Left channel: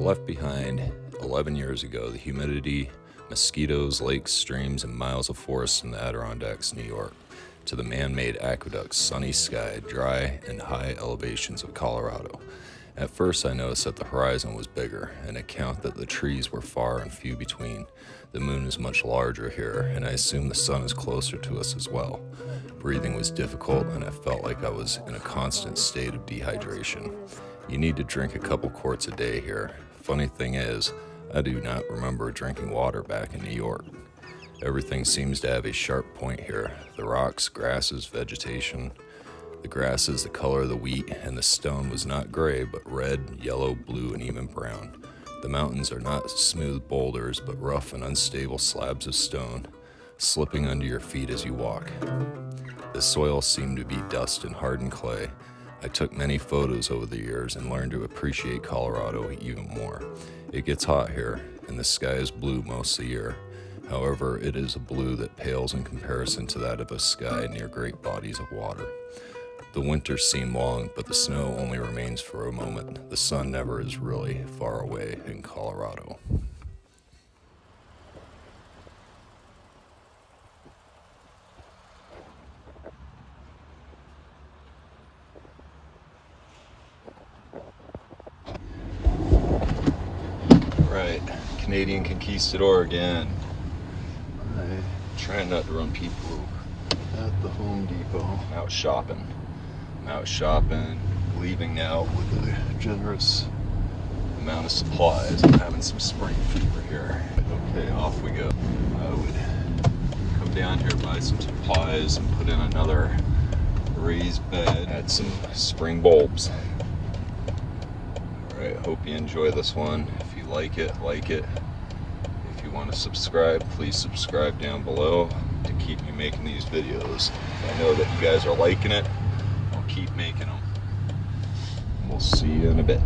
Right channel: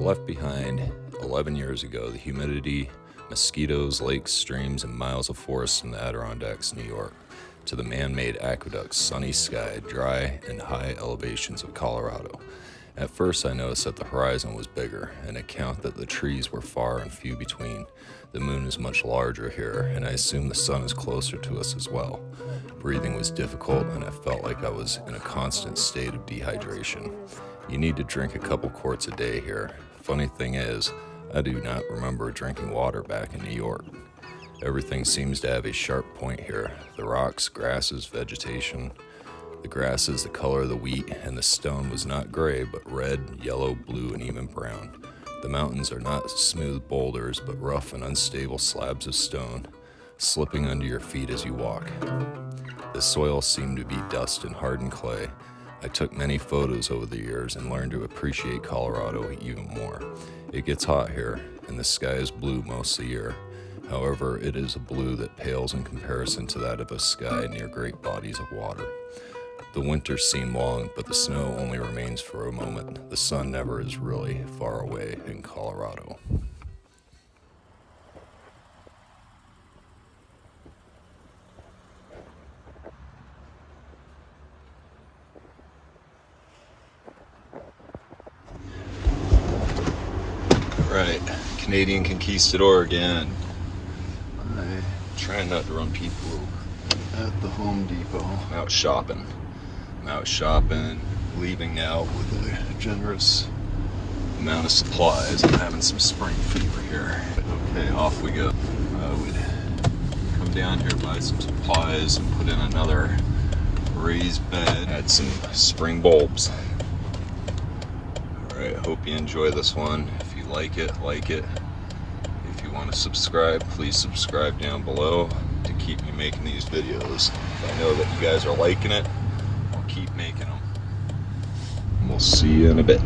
left behind 11 years ago the humidity, mosquitoes, lakes, streams, and miles of forest in the Adirondacks, New York, to the man-made aqueducts, sunny sky, dry, and high elevations of Colorado. At first I noticed that the horizon was bigger, an account that the trees were far and few between. The moon is much larger here, and I assume the sun is closer to us as well. Breathing was difficult, and I felt like I was in a constant state of dehydration. You need to drink a couple quarts a day here. Funny thing is, I do not remember drinking water back in New York. Everything seems to have a sharp point here. The rocks, grasses, vegetation. The grass is the color of the wheat, and the stone was not gray, but red, yellow, blue, and even brown. The mountains are not smooth boulders, but rough and unstable slabs of stone, slipping under your feet as you walk. The soil seemed to be dust and hardened clay. I took many photos over the years and learned to appreciate Colorado even more. It gets hot here, and the sky is blue most of the year. However, it is a blue that pales in comparison to that of a sky near great bodies of water. The winters seem long, but the snow only remains for a moment. The sun never is really far away in Colorado. Right, Canadian Conquistador again. I'm trying not to run people at the Home Depot. I'm out shopping. Leaving now with a generous amount of supplies. I'm having some spring fever here. Okay, off we go. I would come down here, buy some supplies, and put in another raised bed. Add some spring bulbs. Alright, hope you enjoy this one. If you like it, like it. If you want to subscribe, please subscribe down below to keep me making these videos. If I know that you guys are liking it, I'll keep making them. We'll see you in a bit.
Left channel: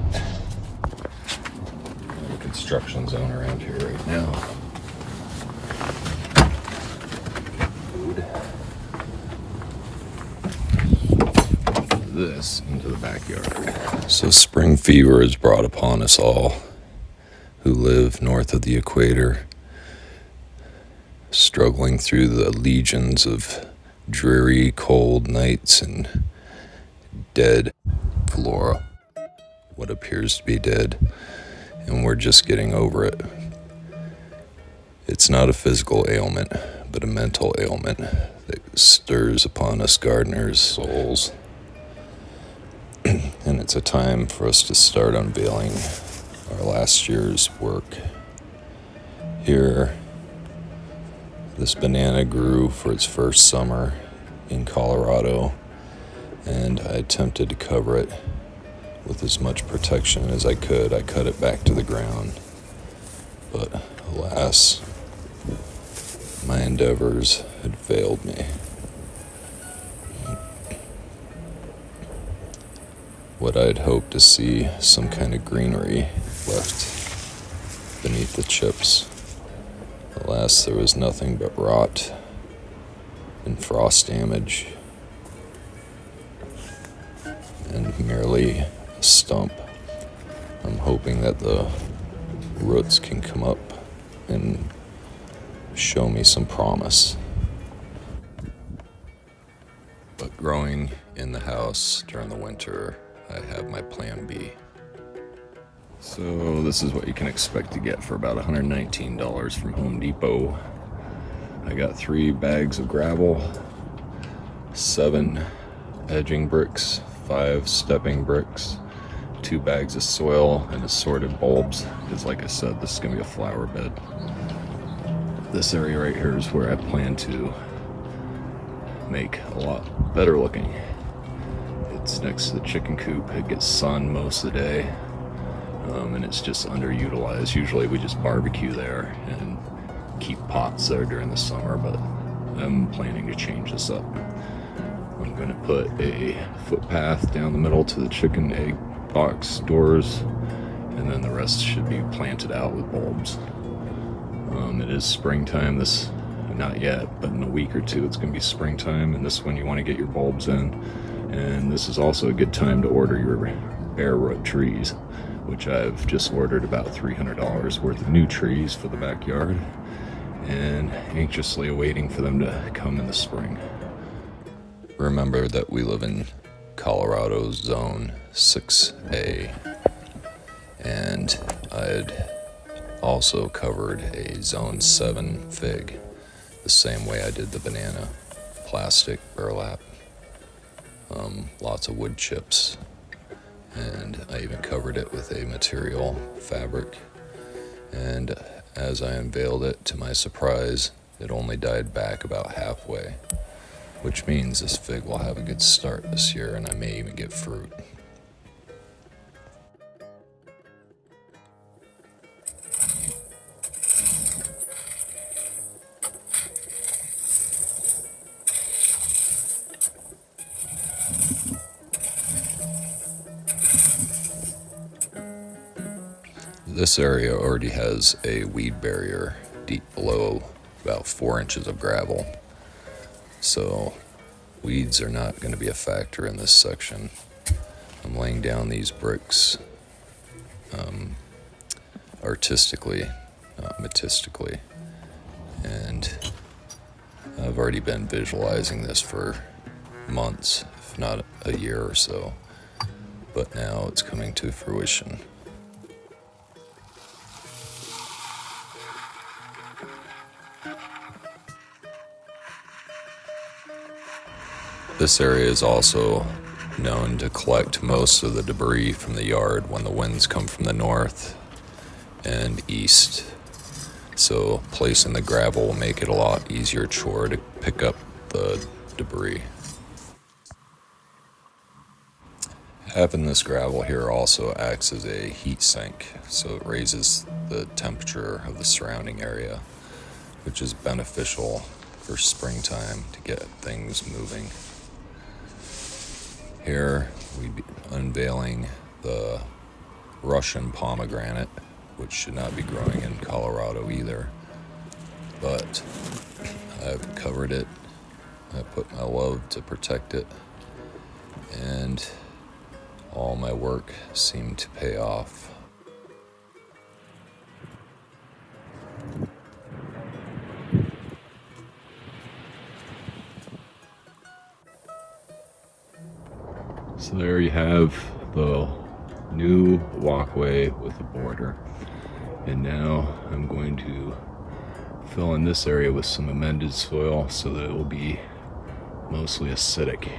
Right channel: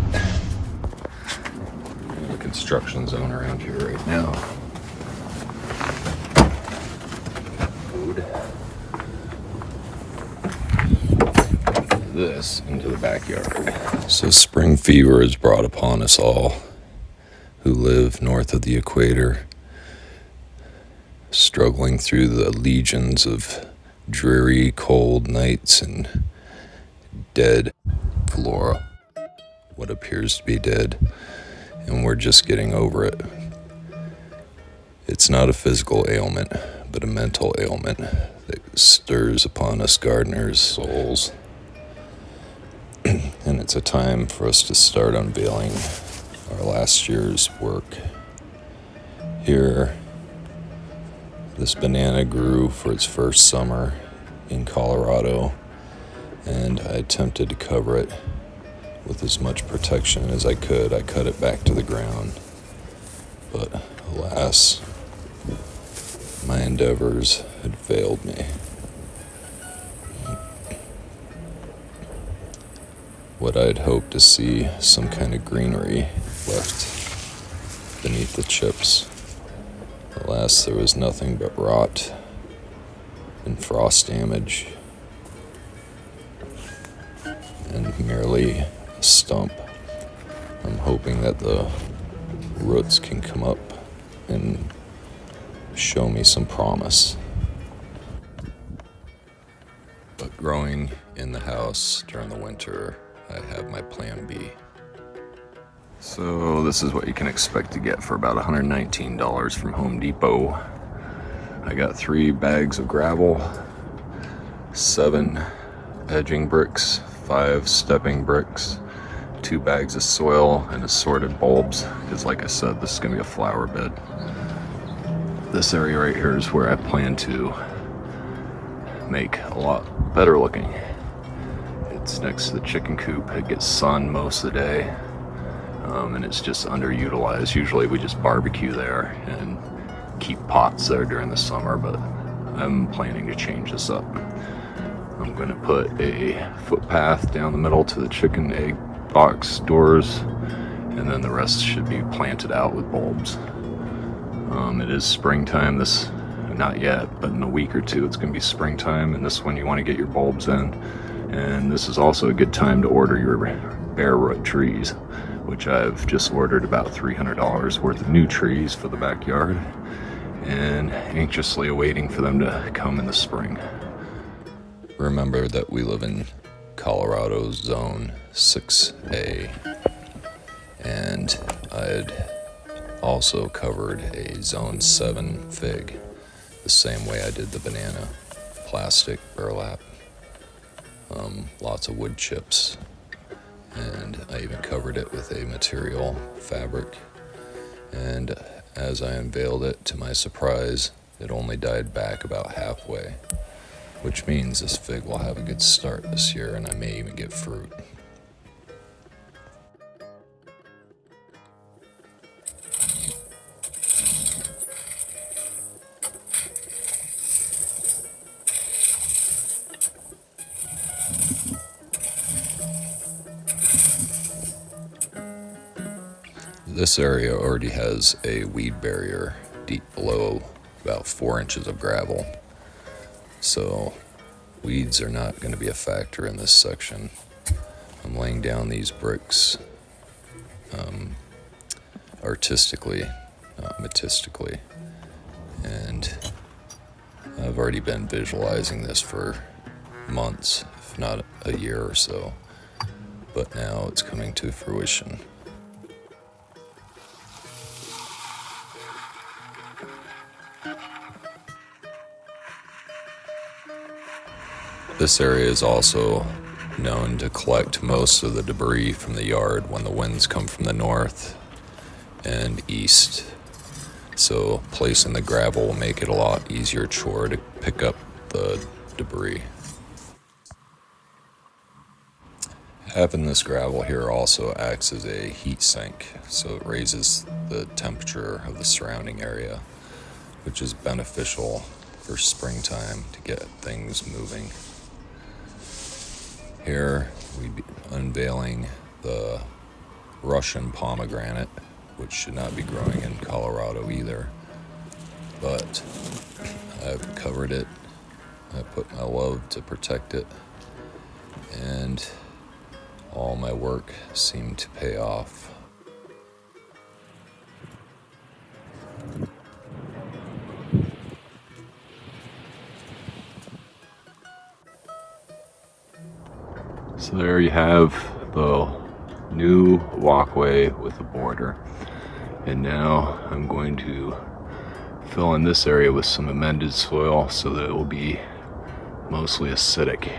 The construction zone around here right now. Food. This into the backyard. So spring fever is brought upon us all who live north of the equator, struggling through the legions of dreary, cold nights and dead flora, what appears to be dead, and we're just getting over it. It's not a physical ailment, but a mental ailment that stirs upon us gardeners' souls. And it's a time for us to start unveiling our last year's work. Here, this banana grew for its first summer in Colorado, and I attempted to cover it with as much protection as I could. I cut it back to the ground, but alas, my endeavors had failed me. What I'd hoped to see, some kind of greenery left beneath the chips. Alas, there was nothing but rot and frost damage, and merely a stump. I'm hoping that the roots can come up and show me some promise. But growing in the house during the winter, I have my plan B. So this is what you can expect to get for about $119 from Home Depot. I got 3 bags of gravel, 7 edging bricks, 5 stepping bricks, 2 bags of soil, and assorted bulbs, because like I said, this is going to be a flower bed. This area right here is where I plan to make a lot better looking. It's next to the chicken coop. It gets sun most of the day, and it's just underutilized. Usually we just barbecue there and keep pots there during the summer, but I'm planning to change this up. I'm going to put a footpath down the middle to the chicken egg box doors, and then the rest should be planted out with bulbs. It is springtime. Not yet, but in a week or two it's going to be springtime, and this one you want to get your bulbs in. And this is also a good time to order your bare root trees. which I've just ordered about $300 worth of new trees for the backyard, and anxiously awaiting for them to come in the spring. Remember that we live in Colorado's Zone 6A, and I'd also covered a Zone 7 fig the same way I did the banana. Plastic, burlap, lots of wood chips, and I even covered it with a material fabric. And as I unveiled it, to my surprise, it only died back about halfway, which means this fig will have a good start this year, and I may even get fruit. This area already has a weed barrier deep below about 4 inches of gravel, so weeds are not going to be a factor in this section. I'm laying down these bricks artistically, not metistically, and I've already been visualizing this for months, if not a year or so, but now it's coming to fruition. This area is also known to collect most of the debris from the yard when the winds come from the north and east. So placing the gravel will make it a lot easier chore to pick up the debris. Having this gravel here also acts as a heat sink, so it raises the temperature of the surrounding area, which is beneficial for springtime to get things moving. Here we'd be unveiling the Russian pomegranate, which should not be growing in Colorado either, but I've covered it. I put my love to protect it, and all my work seemed to pay off. So there you have the new walkway with a border, and now I'm going to fill in this area with some amended soil so that it will be mostly acidic.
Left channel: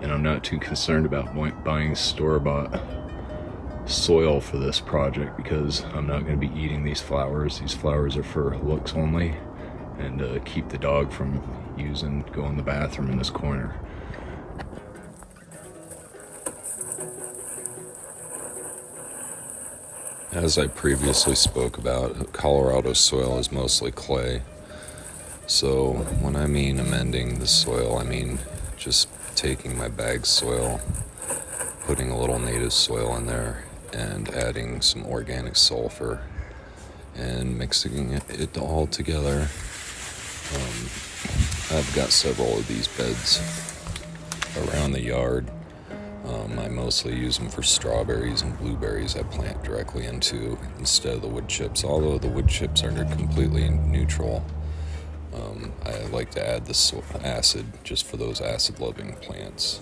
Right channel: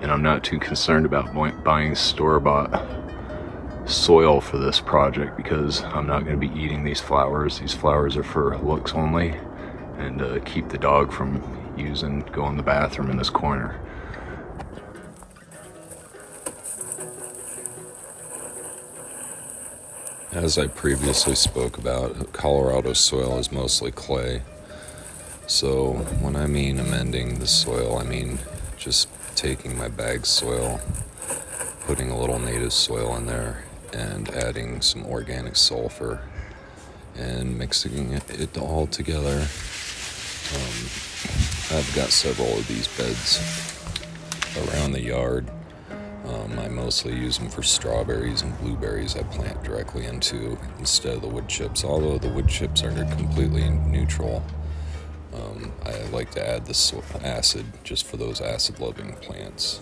And I'm not too concerned about buying store-bought soil for this project, because I'm not going to be eating these flowers. These flowers are for looks only, and keep the dog from going to the bathroom in this corner. As I previously spoke about, Colorado soil is mostly clay. So when I mean amending the soil, I mean just taking my bag soil, putting a little native soil in there, and adding some organic sulfur, and mixing it all together. I've got several of these beds around the yard. I mostly use them for strawberries and blueberries I plant directly into instead of the wood chips, although the wood chips are completely neutral. I like to add the acid just for those acid-loving plants.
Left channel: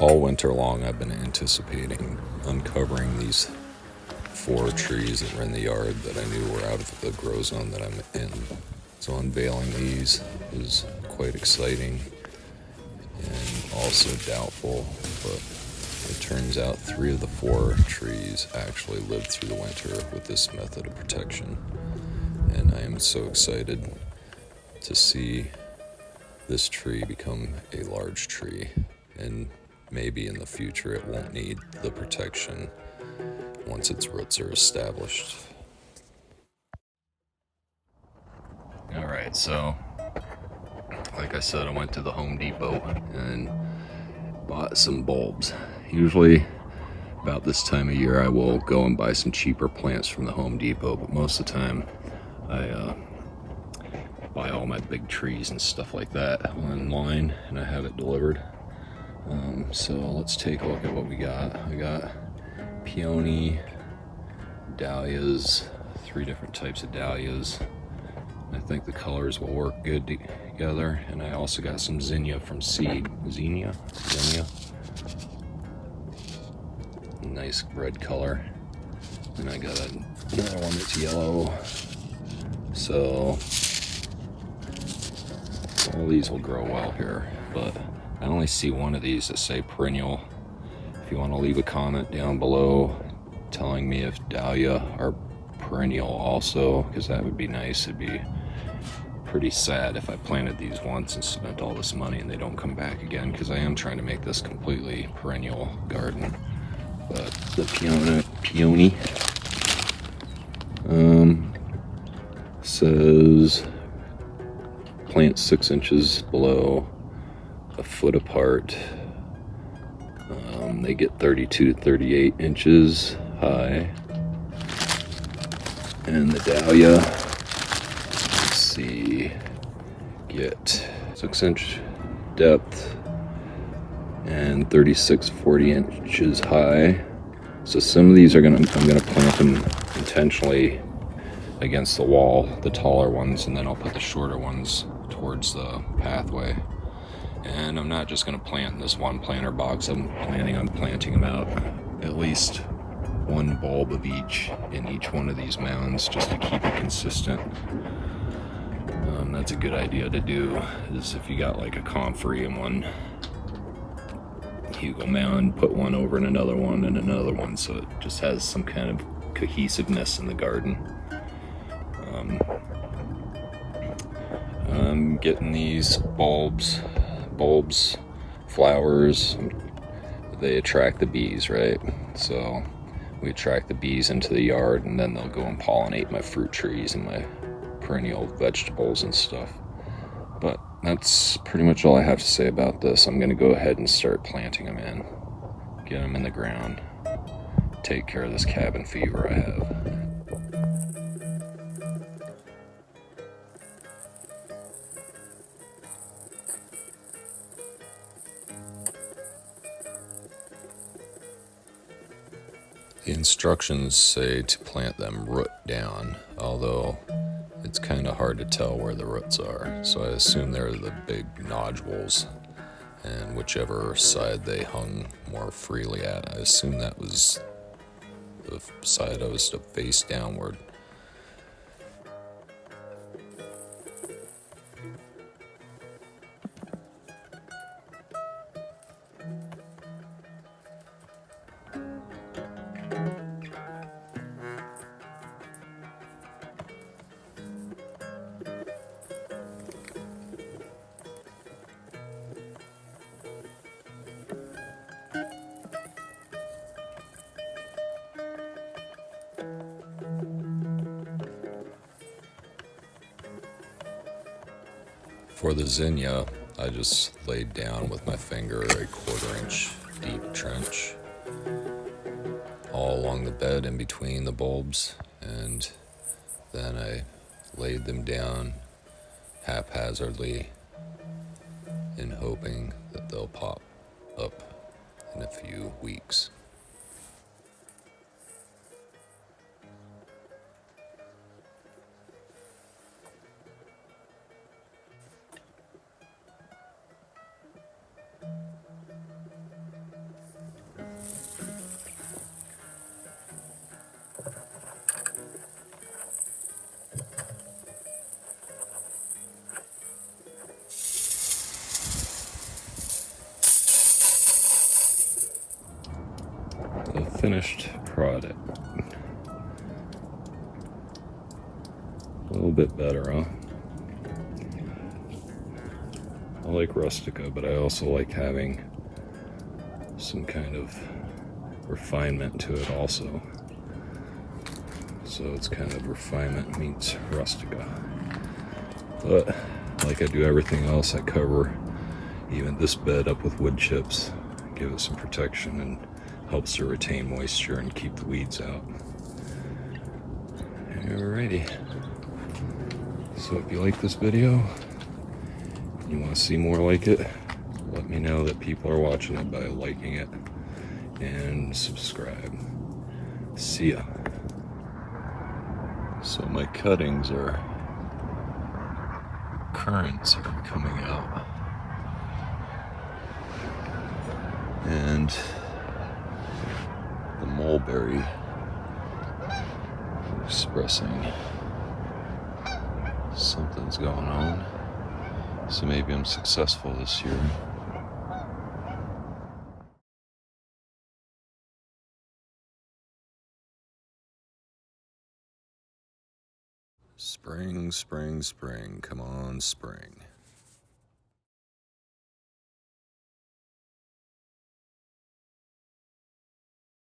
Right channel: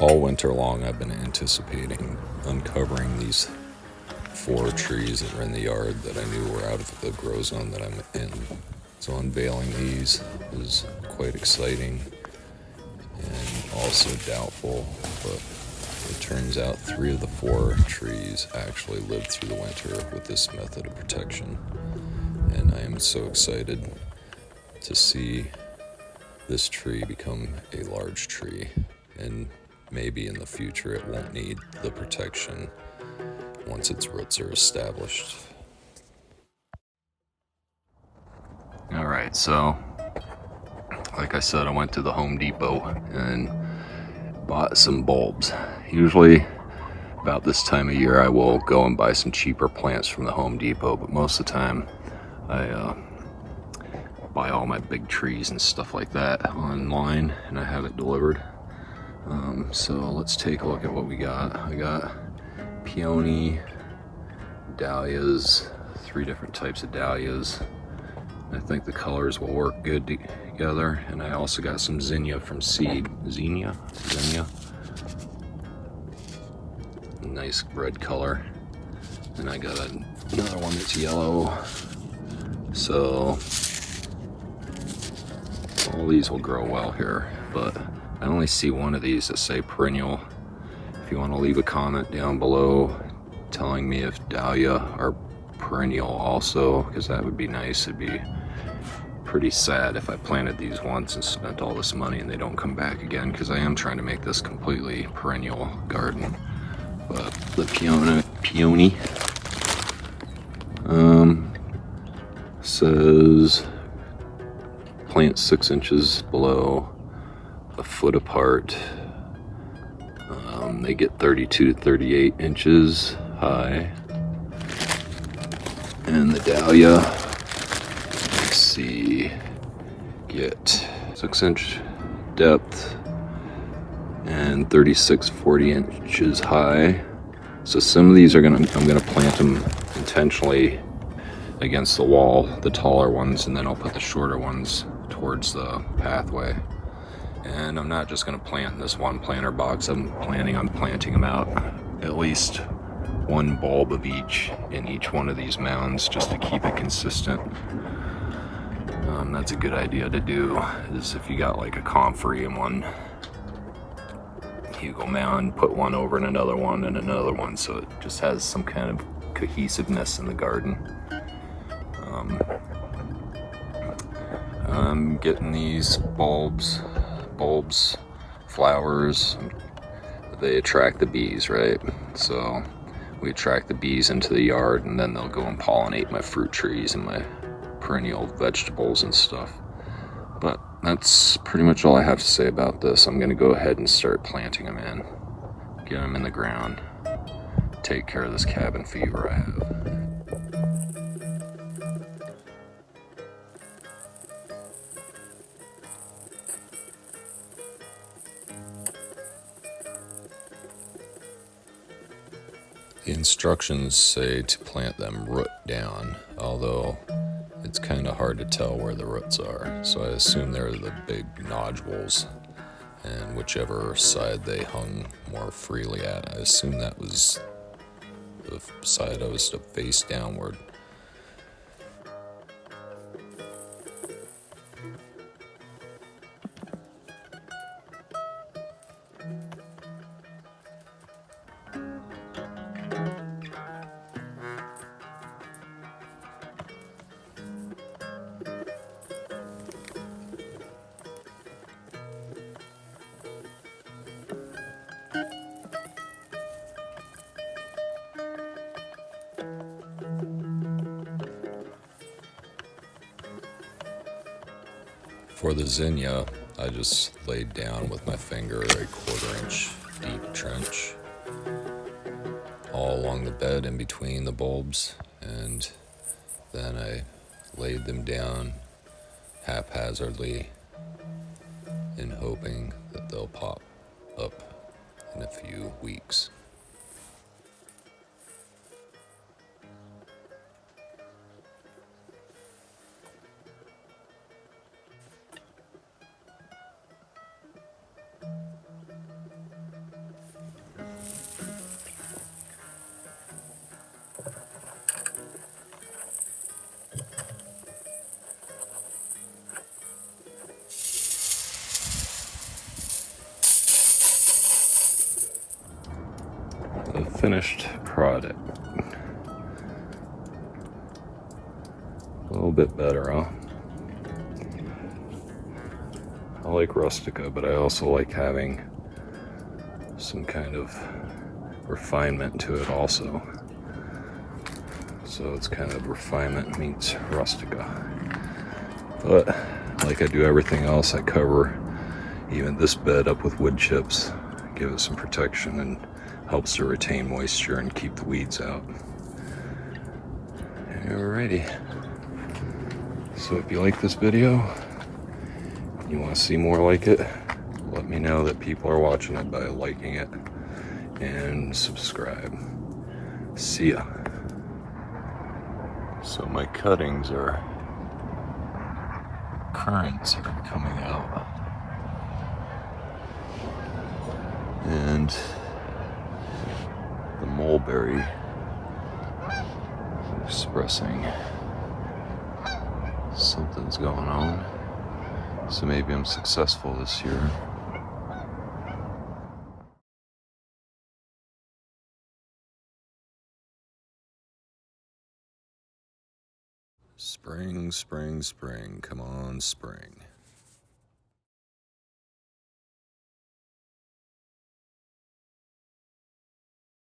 All winter long I've been anticipating uncovering these 4 trees that were in the yard that I knew were out of the grow zone that I'm in. So unveiling these was quite exciting and also doubtful, but it turns out 3 of the 4 trees actually lived through the winter with this method of protection. And I am so excited to see this tree become a large tree, and maybe in the future it won't need the protection once its roots are established. Alright, so like I said, I went to the Home Depot and bought some bulbs. Usually about this time of year I will go and buy some cheaper plants from the Home Depot, but most of the time I buy all my big trees and stuff like that online, and I have it delivered. So let's take a look at what we got. We got peony, dahlias, 3 different types of dahlias. I think the colors will work good together. And I also got some zinnia from seed. Zinnia. Nice red color. And I got another one that's yellow. So all these will grow well here, but I only see one of these that say perennial. If you want to leave a comment down below telling me if dahlia are perennial also, because that would be nice. It'd be pretty sad if I planted these once and spent all this money and they don't come back again, because I am trying to make this completely perennial garden. But the peony says plant 6 inches below, a foot apart. They get 32 to 38 inches high. And the dahlia, let's see, get 6-inch depth and 40 inches high. So some of these I'm gonna plant them intentionally against the wall, the taller ones, and then I'll put the shorter ones towards the pathway. And I'm not just gonna plant in this one planter box. I'm planning on planting them out at least 1 bulb of each in each one of these mounds, just to keep it consistent. That's a good idea to do, is if you got like a comfrey in one Hugo mound, put one over in another one and another one, so it just has some kind of cohesiveness in the garden. I'm getting these bulbs, flowers, they attract the bees, right? So we attract the bees into the yard, and then they'll go and pollinate my fruit trees and my perennial vegetables and stuff. But that's pretty much all I have to say about this. I'm gonna go ahead and start planting them in, get them in the ground, take care of this cabin fever I have. The instructions say to plant them root down, although it's kind of hard to tell where the roots are. So I assume they're the big nodules, and whichever side they hung more freely at. I assume that was the side I was to face downward. For the zinnia, I just laid down with my finger a 1/4 inch deep trench all along the bed in between the bulbs, and then I laid them down haphazardly in hoping that they'll pop up in a few weeks. The finished product. A little bit better, huh? I like rustica, but I also like having some kind of refinement to it also. So it's kind of refinement meets rustica. But like I do everything else, I cover even this bed up with wood chips, give it some protection, and helps to retain moisture and keep the weeds out. Alrighty. So if you like this video, you want to see more like it, Let me know that people are watching it by liking it and subscribe. See ya. So my cuttings are, currants are coming out. And the mulberry expressing something's going on. So maybe I'm successful this year. Spring, spring, spring, come on, spring.